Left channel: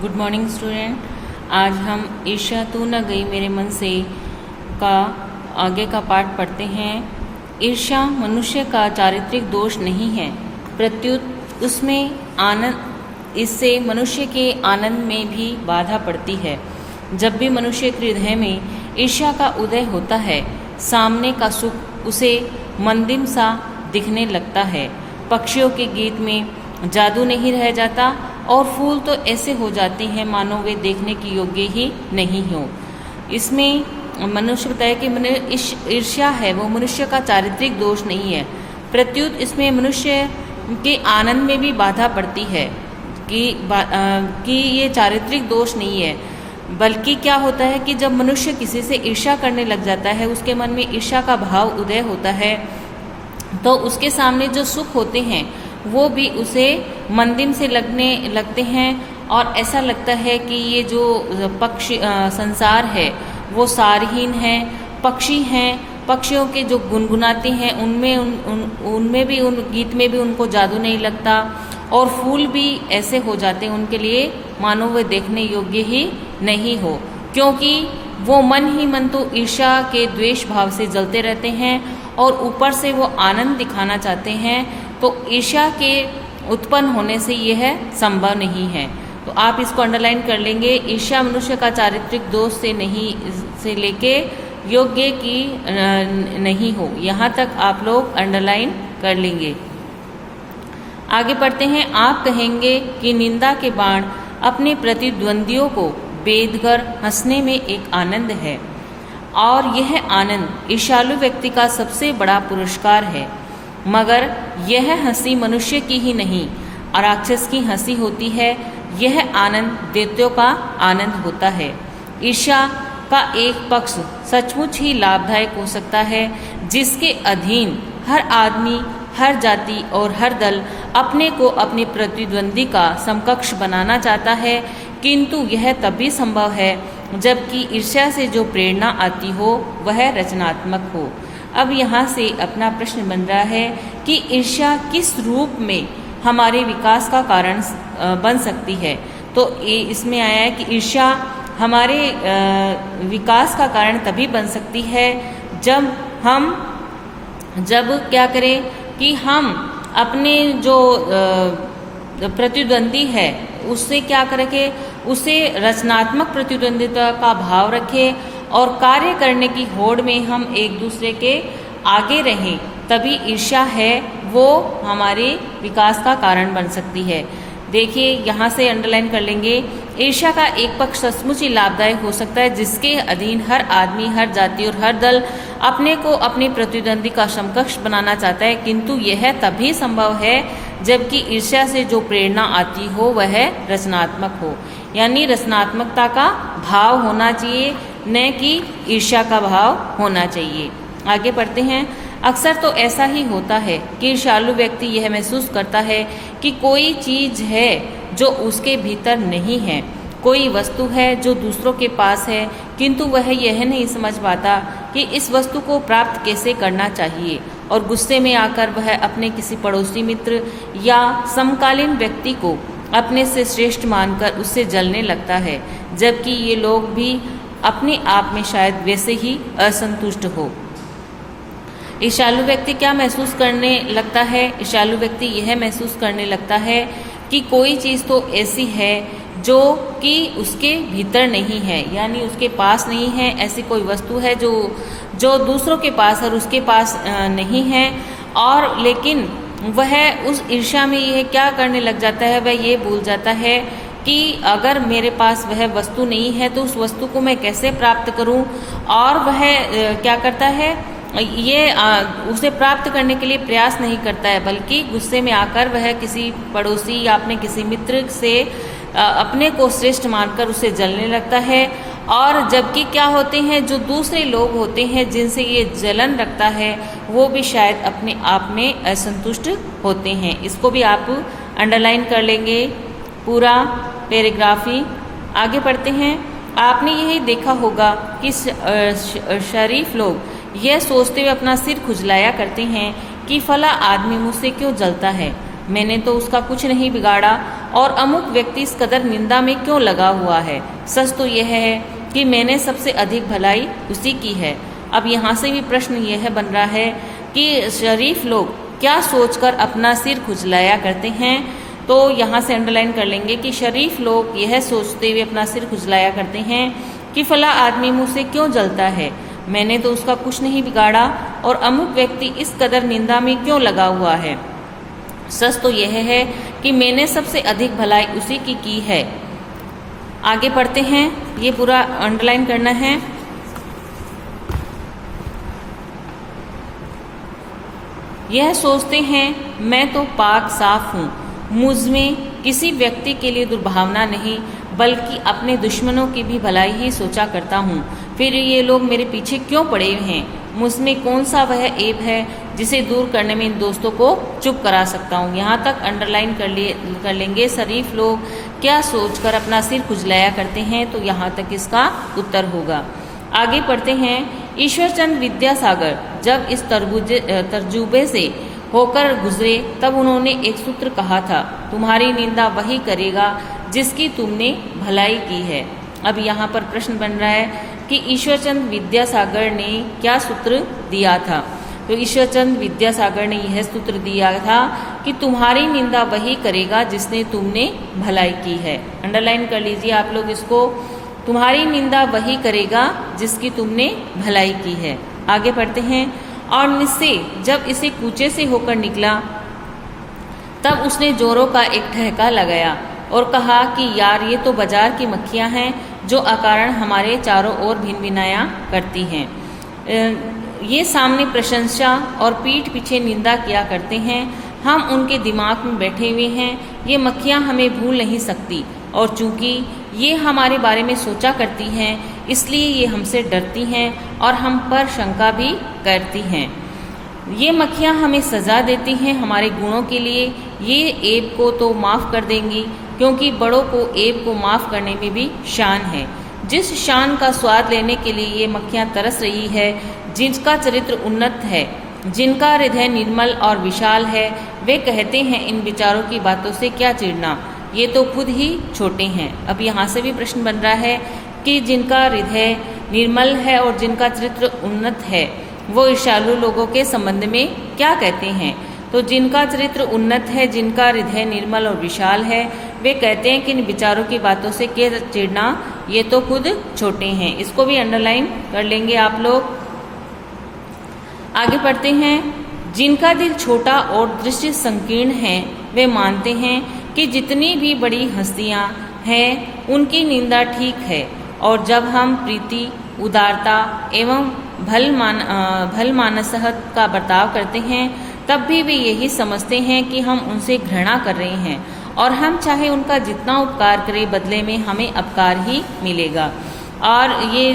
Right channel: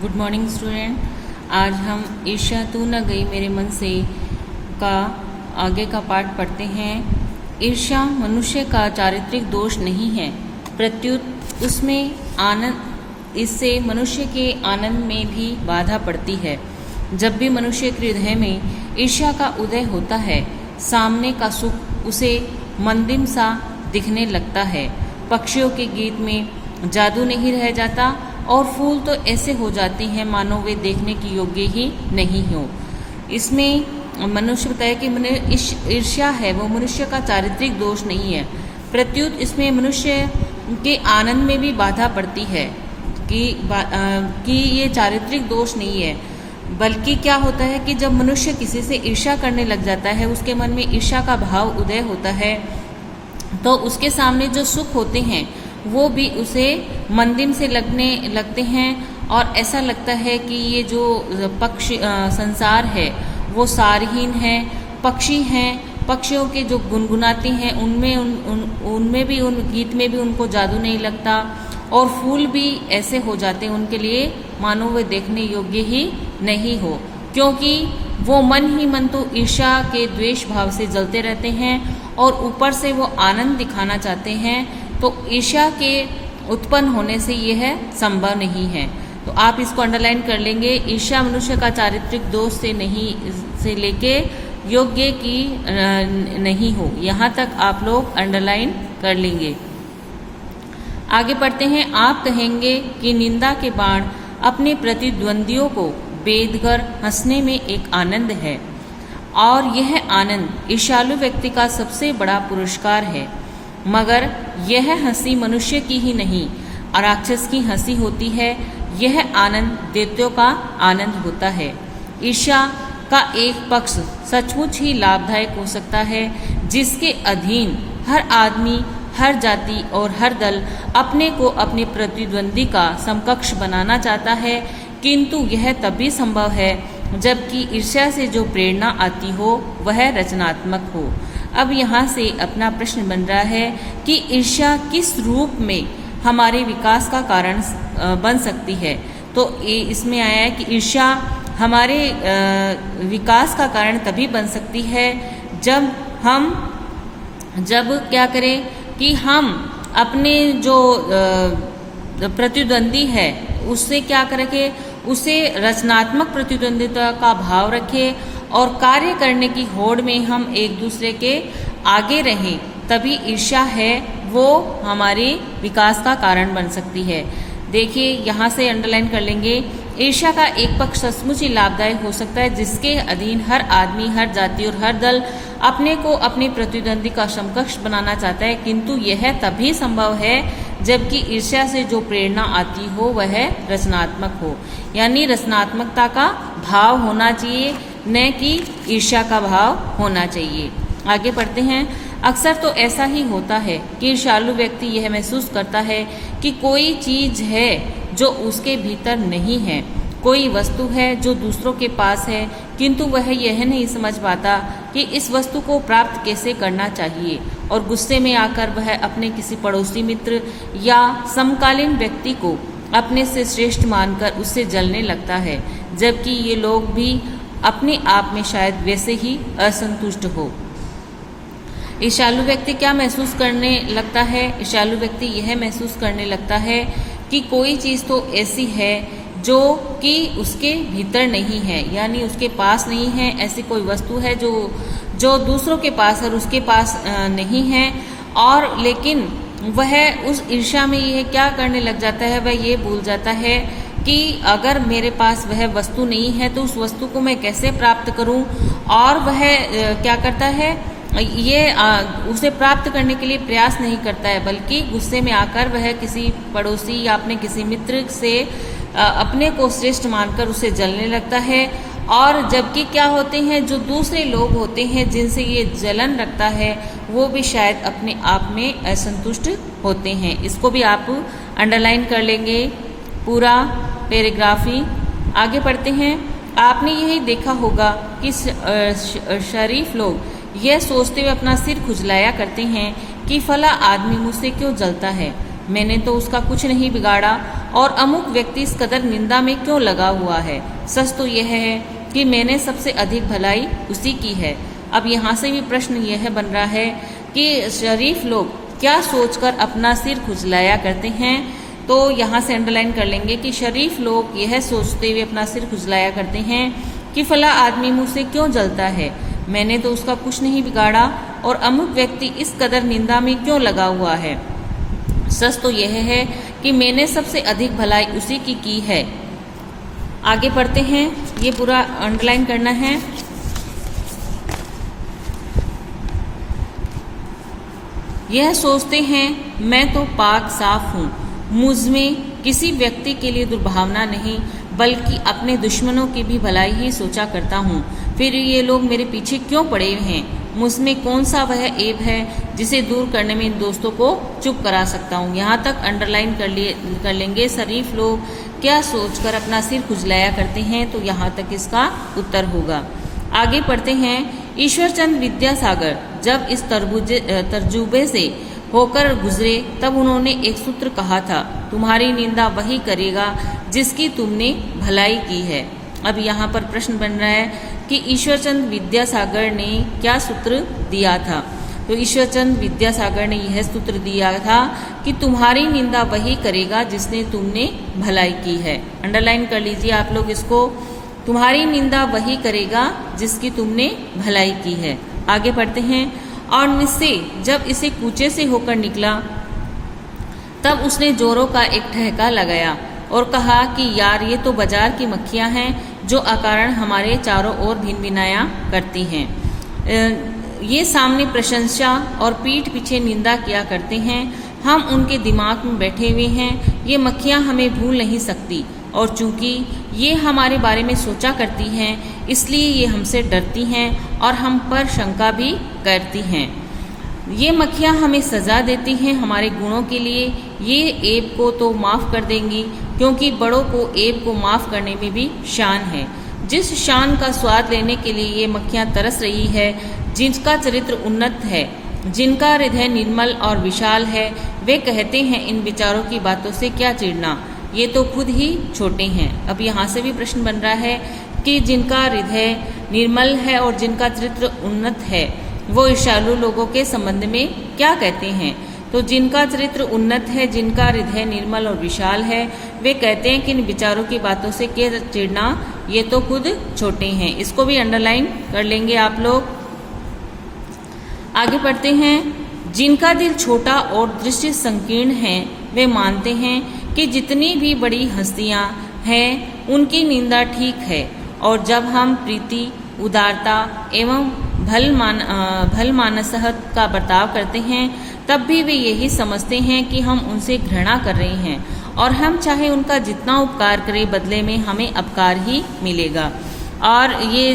Good morning student. आज हम ईर्ष्या तू न गई मेरे मन से का आगे का पाठ पढ़ते हैं। ईर्ष्या मनुष्य का चारित्रिक दोष नहीं है, प्रत्युत उसमें आनंद, इससे मनुष्य के आनंद में भी बाधा पड़ती है। जब भी मनुष्य के हृदय में ईर्ष्या का उदय होता है, सामने का सुख उसे मंदिम सा दिखने लगता है। पक्षियों के गीत में जादू नहीं रह जाता और फूल तो ऐसे हो जाते हैं मानो वे देखने की योग्य ही नहीं हो। इसमें मनुष्य बताया कि ईर्ष्या है वो मनुष्य का चारित्रिक दोष नहीं है, प्रत्युत इसमें मनुष्य के आनंद में भी बाधा पड़ती है कि ये चारित्रिक दोष नहीं है, बल्कि क्या होता है कि जब मनुष्य किसी से ईर्ष्या करने लग जाता है, उसके मन में ईर्ष्या का भाव उदय होता है, तो उसके सामने जो सुख होते हैं वो भी उसे मंदिम से लगते हैं और ऐसा लगता है कि ये जो पक्षी संसार है वो सारहीन है। पक्षी हैं, पक्षियों के जो गुनगुनाते हैं उनमें भी उन गीत में भी उनको जादू नहीं लगता और फूल भी ऐसे हो जाते हैं उनके लिए मानो वे देखने योग्य ही नहीं हो, क्योंकि वो मन ही मन तो ईर्ष्या के द्वेष भाव से जलते रहते हैं और ऊपर से वो आनंद दिखाना चाहते हैं। तो ईर्ष्या के उत्पन्न होने से यह संभव नहीं है। तो आप इसको अंडरलाइन कर लेंगे। ईर्ष्या मनुष्य का चारित्रिक दोष से लेके योग्य की नहीं हो, यहाँ तक आप लोग अंडरलाइन कर लेंगे। आगे पढ़ते हैं। आप कहेंगे कि निंदा के बाण अपने प्रतिद्वंदियों को बेधकर हंसने में एक आनंद है और यह आनंद ईर्ष्यालु व्यक्ति का सबसे बड़ा पुरस्कार है। मगर यह हंसी मनुष्य की ही नहीं, राक्षस की हंसी होती है। यह आनंद दैत्यों का आनंद होता है। ईर्ष्या का एक पक्ष सचमुच ही लाभदायक हो सकता है, जिसके अधीन हर आदमी, हर जाति और हर दल अपने को अपने प्रतिद्वंदी का समकक्ष बनाना चाहता है, किंतु यह तभी संभव है जबकि ईर्ष्या से जो प्रेरणा आती हो वह रचनात्मक हो। अब यहाँ से अपना प्रश्न बन रहा है कि ईर्ष्या किस रूप में हमारे विकास का कारण बन सकती है। तो इसमें आया है कि ईर्ष्या हमारे विकास का कारण तभी बन सकती है जब क्या करें कि हम अपने जो प्रतिद्वंदी है उससे क्या करें, उसे रचनात्मक प्रतिद्वंदिता का भाव रखें और कार्य करने की होड़ में हम एक दूसरे के आगे रहें, तभी ईर्ष्या है वो हमारे विकास का कारण बन सकती है। देखिए यहाँ से अंडरलाइन कर लेंगे। ईर्ष्या का एक पक्ष सचमुच ही लाभदायक हो सकता है, जिसके अधीन हर आदमी, हर जाति और हर दल अपने को अपने प्रतिद्वंदी का समकक्ष बनाना चाहता है, किंतु यह तभी संभव है जबकि ईर्ष्या से जो प्रेरणा आती हो वह रचनात्मक हो, यानी रचनात्मकता का भाव होना चाहिए, न कि ईर्ष्या का भाव होना चाहिए। आगे पढ़ते हैं। अक्सर तो ऐसा ही होता है कि ईर्ष्यालु व्यक्ति यह महसूस करता है कि कोई चीज है जो उसके भीतर नहीं है, कोई वस्तु है जो दूसरों के पास है, किंतु वह यह नहीं समझ पाता कि इस वस्तु को प्राप्त कैसे करना चाहिए और गुस्से में आकर वह अपने किसी पड़ोसी मित्र या समकालीन व्यक्ति को अपने से श्रेष्ठ मानकर उससे जलने लगता है, जबकि ये लोग भी अपने आप में शायद वैसे ही असंतुष्ट हो। ईर्ष्यालु व्यक्ति क्या महसूस करने लगता है? ईर्ष्यालु व्यक्ति यह महसूस करने लगता है कि कोई चीज़ तो ऐसी है जो कि उसके भीतर नहीं है, यानी उसके पास नहीं है। ऐसी कोई वस्तु है जो दूसरों के पास और उसके पास नहीं है, और लेकिन वह उस ईर्ष्या में यह क्या करने लग जाता है, वह ये भूल जाता है कि अगर मेरे पास वह वस्तु नहीं है तो उस वस्तु को मैं कैसे प्राप्त करूं, और वह क्या करता है, ये उसे प्राप्त करने के लिए प्रयास नहीं करता है, बल्कि गुस्से में आकर वह किसी पड़ोसी या अपने किसी मित्र से अपने को श्रेष्ठ मानकर उसे जलने लगता है। और जबकि क्या होते हैं, जो दूसरे लोग होते हैं जिनसे ये जलन रखता है वो भी शायद अपने आप में असंतुष्ट होते हैं। इसको भी आप अंडरलाइन कर लेंगे पूरा पैराग्राफी। आगे पढ़ते हैं। आपने यही देखा होगा कि शरीफ लोग यह सोचते हुए अपना सिर खुजलाया करते हैं कि फला आदमी मुझसे क्यों जलता है। मैंने तो उसका कुछ नहीं बिगाड़ा, और अमुक व्यक्ति इस कदर निंदा में क्यों लगा हुआ है। सच तो यह है कि मैंने सबसे अधिक भलाई उसी की है। अब यहाँ से भी प्रश्न यह बन रहा है कि शरीफ लोग क्या सोचकर अपना सिर खुजलाया करते हैं। तो यहाँ से अंडरलाइन कर लेंगे कि शरीफ लोग यह सोचते हुए अपना सिर खुजलाया करते हैं कि फला आदमी मुझसे क्यों जलता है, मैंने तो उसका कुछ नहीं बिगाड़ा, और अमुक व्यक्ति इस कदर निंदा में क्यों लगा हुआ है। सच तो यह है कि मैंने सबसे अधिक भलाई उसी की है। आगे पढ़ते हैं, ये पूरा अंडरलाइन करना है। यह सोचते हैं मैं तो पाक साफ हूँ, मुझ में किसी व्यक्ति के लिए दुर्भावना नहीं, बल्कि अपने दुश्मनों की भी भलाई ही सोचा करता हूँ। फिर ये लोग मेरे पीछे क्यों पड़े हैं, मुझ में कौन सा वह ऐब है जिसे दूर करने में इन दोस्तों को चुप करा सकता हूँ। यहाँ तक अंडरलाइन कर लेंगे। शरीफ लोग क्या सोचकर अपना सिर खुजलाया करते हैं, तो यहाँ तक इसका उत्तर होगा। आगे पढ़ते हैं। ईश्वरचंद विद्यासागर जब इस तर्जुबे से होकर गुजरे तब उन्होंने एक सूत्र कहा था, तुम्हारी निंदा वही करेगा जिसकी तुमने भलाई की है। अब यहाँ पर प्रश्न बन रहा है कि ईश्वरचंद विद्यासागर ने क्या सूत्र दिया था। तो ईश्वरचंद विद्यासागर ने यह सूत्र दिया था कि तुम्हारी निंदा वही करेगा जिसने तुमने भलाई की है। अंडरलाइन कर लीजिए आप लोग इसको, तुम्हारी निंदा वही करेगा जिसकी तुमने भलाई की है। आगे पढ़ते हैं। और निश्चय जब इसे कूचे से होकर निकला तब उसने जोरों का एक ठहका लगाया और कहा कि यार ये तो बाजार की मक्खियां हैं जो अकारण हमारे चारों ओर भिनभिनाया करती हैं। ये सामने प्रशंसा और पीठ पीछे निंदा किया करते हैं। हम उनके दिमाग में बैठे हुए हैं। ये मक्खियां हमें भूल नहीं सकती, और चूंकि ये हमारे बारे में सोचा करती हैं इसलिए ये हमसे डरती हैं और हम पर शंका भी करती हैं। ये मक्खियां हमें सजा देती हैं हमारे गुणों के लिए। ये ऐब को तो माफ़ कर देंगी, क्योंकि बड़ों को ऐब को माफ़ करने में भी शान है। जिस शान का स्वाद लेने के लिए ये मक्खियां तरस रही है, जिनका चरित्र उन्नत है, जिनका हृदय निर्मल और विशाल है, वे कहते हैं इन विचारों की बातों से क्या चिढ़ना, ये तो खुद ही छोटे हैं। अब यहाँ से भी प्रश्न बन रहा है कि जिनका हृदय निर्मल है और जिनका चरित्र उन्नत है वो ईर्ष्यालु लोगों के संबंध में क्या कहते हैं। तो जिनका चरित्र उन्नत है, जिनका हृदय निर्मल और विशाल है, वे कहते हैं कि इन विचारों की बातों से क्या चिढ़ना, ये तो खुद छोटे हैं। इसको भी अंडरलाइन कर लेंगे आप लोग। आगे पढ़ते हैं। जिनका दिल छोटा और दृष्टि संकीर्ण है, वे मानते हैं कि जितनी भी बड़ी हस्तियां हैं उनकी निंदा ठीक है, और जब हम प्रीति, उदारता एवं भल मानसहत का बर्ताव करते हैं तब भी वे यही समझते हैं कि हम उनसे घृणा कर रहे हैं, और हम चाहे उनका जितना उपकार करें बदले में हमें अपकार ही मिलेगा। और ये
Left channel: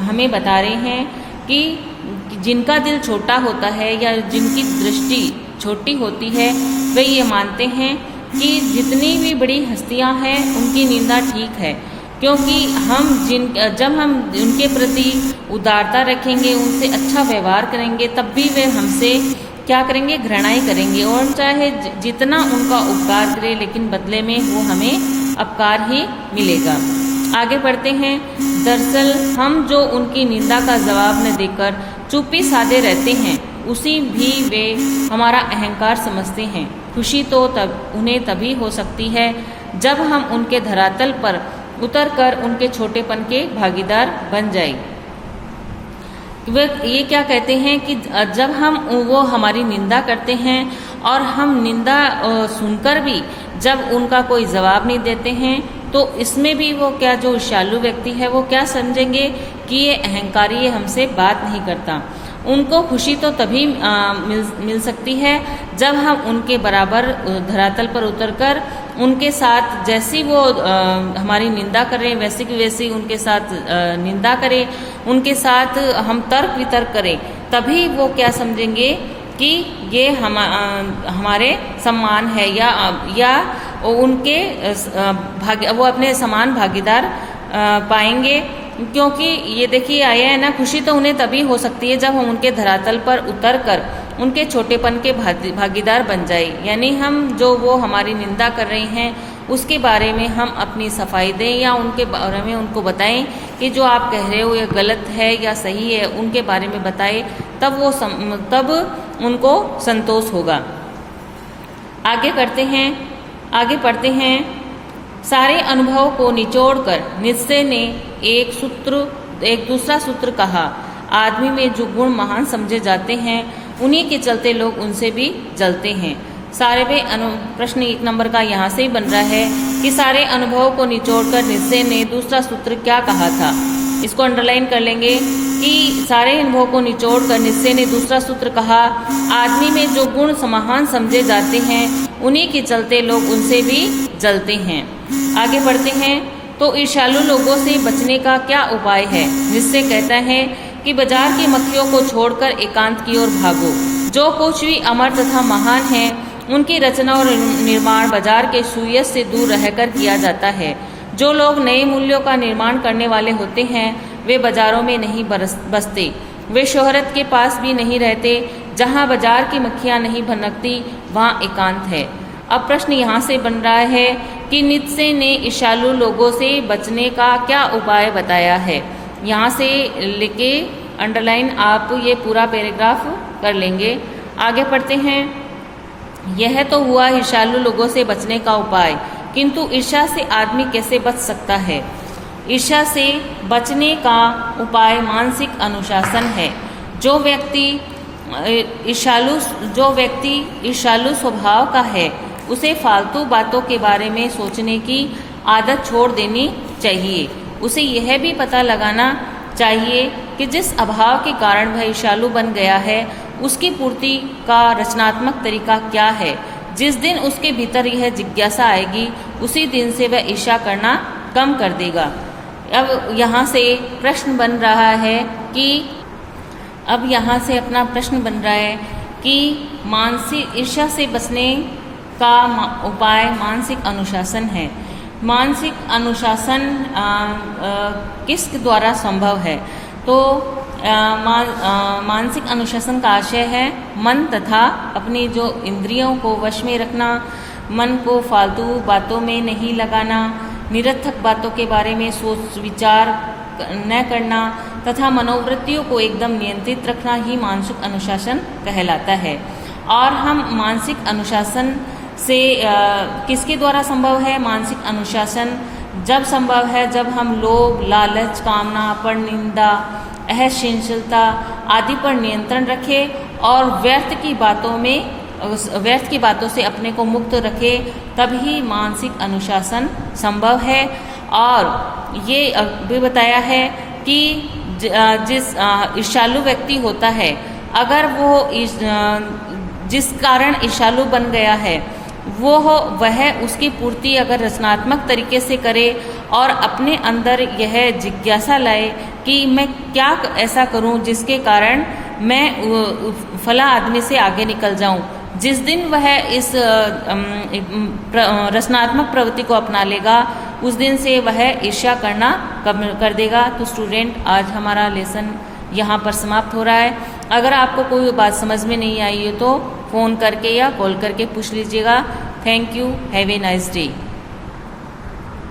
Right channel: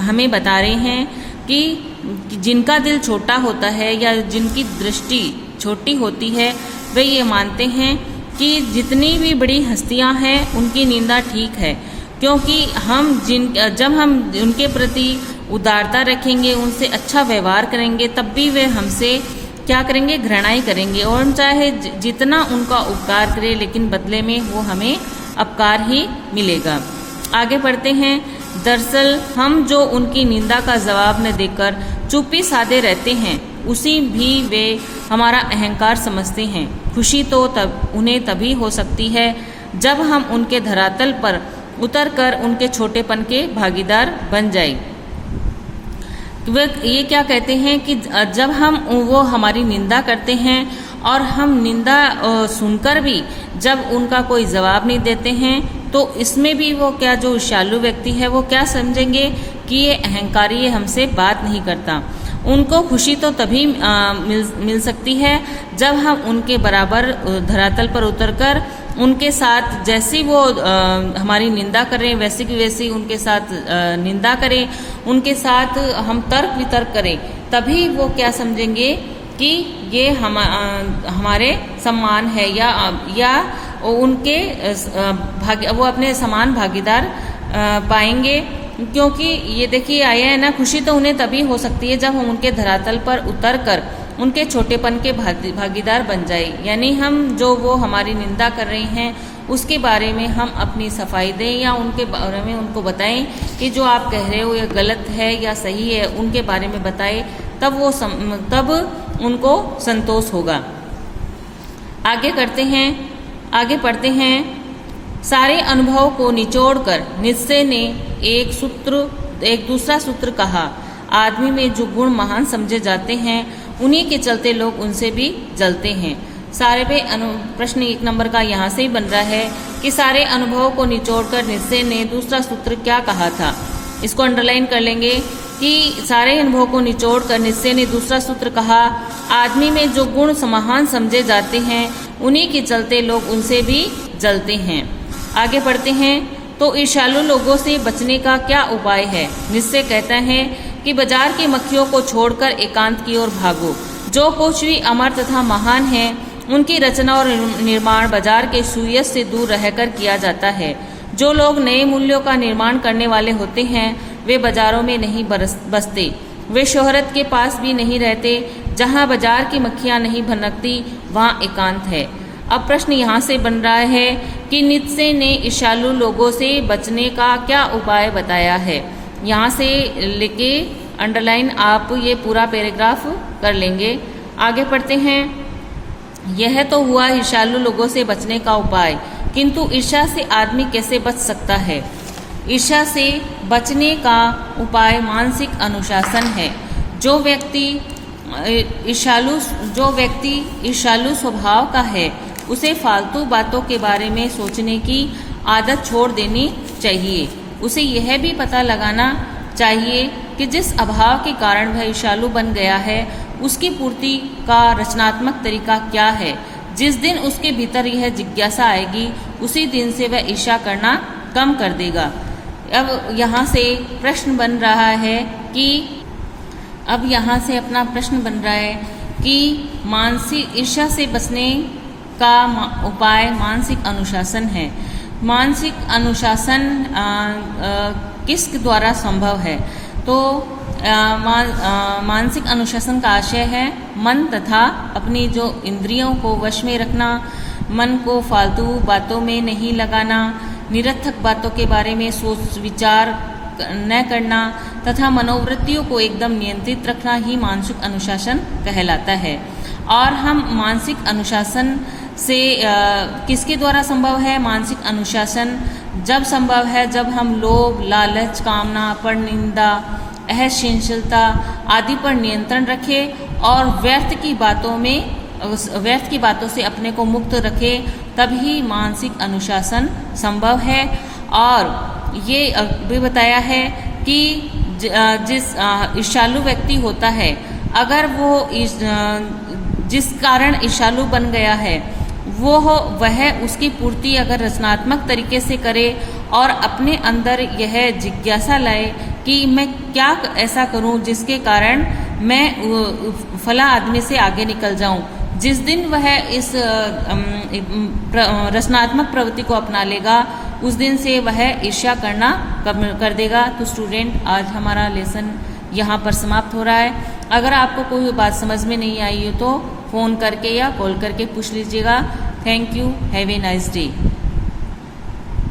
हमें बता रहे हैं कि जिनका दिल छोटा होता है या जिनकी दृष्टि छोटी होती है, वे ये मानते हैं कि जितनी भी बड़ी हस्तियां हैं उनकी निंदा ठीक है, क्योंकि जब हम उनके प्रति उदारता रखेंगे, उनसे अच्छा व्यवहार करेंगे, तब भी वे हमसे क्या करेंगे, घृणा ही करेंगे, और चाहे जितना उनका उपकार करें लेकिन बदले में वो हमें अपकार ही मिलेगा। आगे बढ़ते हैं। दरअसल हम जो उनकी निंदा का जवाब न देकर चुप्पी साधे रहते हैं उसी भी वे हमारा अहंकार समझते हैं। खुशी तो उन्हें तभी हो सकती है जब हम उनके धरातल पर उतरकर उनके छोटेपन के भागीदार बन जाए। वे ये क्या कहते हैं कि जब वो हमारी निंदा करते हैं और हम निंदा सुनकर भी जब उनका कोई जवाब नहीं देते हैं, तो इसमें भी वो क्या, जो ईर्ष्यालु व्यक्ति है वो क्या समझेंगे कि ये अहंकारी, ये हमसे बात नहीं करता। उनको खुशी तो तभी मिल सकती है जब हम उनके बराबर धरातल पर उतरकर उनके साथ जैसी वो हमारी निंदा कर रहे हैं वैसी की वैसी उनके साथ निंदा करें, उनके साथ हम तर्क वितर्क करें, तभी वो क्या समझेंगे कि ये हमारे सम्मान है या उनके वो अपने समान भागीदार पाएंगे। क्योंकि ये देखिए आया है ना, खुशी तो उन्हें तभी हो सकती है जब हम उनके धरातल पर उतरकर उनके छोटेपन के भागीदार बन जाए। यानी हम जो वो हमारी निंदा कर रहे हैं उसके बारे में हम अपनी सफाई दें या उनके बारे में उनको बताएं कि जो आप कह रहे हो ये गलत है या सही है, उनके बारे में बताएं, तब उनको संतोष होगा। आगे पढ़ते हैं। सारे अनुभव को निचोड़कर नित्शे ने एक दूसरा सूत्र कहा, आदमी में जो गुण महान समझे जाते हैं उन्हीं के चलते लोग उनसे भी जलते हैं। प्रश्न 1 नंबर का यहाँ से ही बन रहा है कि सारे अनुभव को निचोड़कर नित्शे ने दूसरा सूत्र क्या कहा था। इसको अंडरलाइन कर लेंगे कि सारे अनुभव को निचोड़कर नित्शे ने दूसरा सूत्र कहा, आदमी में जो गुण महान समझे जाते हैं उन्हीं के चलते लोग उनसे भी जलते हैं। आगे बढ़ते हैं। तो ईर्ष्यालु लोगों से बचने का क्या उपाय है। नित्शे कहता है कि बाजार की मक्खियों को छोड़कर एकांत की ओर भागो। जो कुछ भी अमर तथा महान है उनकी रचना और निर्माण बाजार के सुयस से दूर रहकर किया जाता है। जो लोग नए मूल्यों का निर्माण करने वाले होते हैं वे बाजारों में नहीं बसते, वे शोहरत के पास भी नहीं रहते। जहाँ बाजार की मक्खियाँ नहीं भनकती वहाँ एकांत है। अब प्रश्न यहाँ से बन रहा है कि नित्शे ने ईर्ष्यालु लोगों से बचने का क्या उपाय बताया है। यहाँ से लिखे अंडरलाइन आप ये पूरा पैराग्राफ कर लेंगे। आगे पढ़ते हैं। यह तो हुआ ईर्ष्यालु लोगों से बचने का उपाय, किंतु ईर्ष्या से आदमी कैसे बच सकता है। ईर्ष्या से बचने का उपाय मानसिक अनुशासन है। जो व्यक्ति ईर्ष्यालु स्वभाव का है उसे फालतू बातों के बारे में सोचने की आदत छोड़ देनी चाहिए। उसे यह भी पता लगाना चाहिए कि जिस अभाव के कारण वह ईर्ष्यालु बन गया है उसकी पूर्ति का रचनात्मक तरीका क्या है। जिस दिन उसके भीतर यह जिज्ञासा आएगी उसी दिन से वह ईर्ष्या करना कम कर देगा। अब यहाँ से प्रश्न बन रहा है कि मानसिक ईर्ष्या से बचने का उपाय मानसिक अनुशासन है। मानसिक अनुशासन किस द्वारा संभव है। तो मानसिक अनुशासन का आशय है मन तथा अपनी जो इंद्रियों को वश में रखना, मन को फालतू बातों में नहीं लगाना, निरर्थक बातों के बारे में सोच विचार न करना तथा मनोवृत्तियों को एकदम नियंत्रित रखना ही मानसिक अनुशासन कहलाता है। और हम मानसिक अनुशासन से किसके द्वारा संभव है। मानसिक अनुशासन जब संभव है जब हम लोभ, लालच, कामना, परनिंदा, असहनशीलता आदि पर नियंत्रण रखें और व्यर्थ की बातों से अपने को मुक्त रखें, तभी मानसिक अनुशासन संभव है। और ये भी बताया है कि जिस ईर्ष्यालु व्यक्ति होता है, अगर वो जिस कारण ईर्ष्यालु बन गया है वह उसकी पूर्ति अगर रचनात्मक तरीके से करे और अपने अंदर यह जिज्ञासा लाए कि मैं क्या ऐसा करूं जिसके कारण मैं फला आदमी से आगे निकल जाऊं। जिस दिन वह इस रचनात्मक प्रवृत्ति को अपना लेगा उस दिन से वह ईर्ष्या करना कम कर देगा। तो स्टूडेंट, आज हमारा लेसन यहाँ पर समाप्त हो रहा है। अगर आपको कोई बात समझ में नहीं आई है तो फ़ोन करके या कॉल करके पूछ लीजिएगा। Thank you. Have a nice day.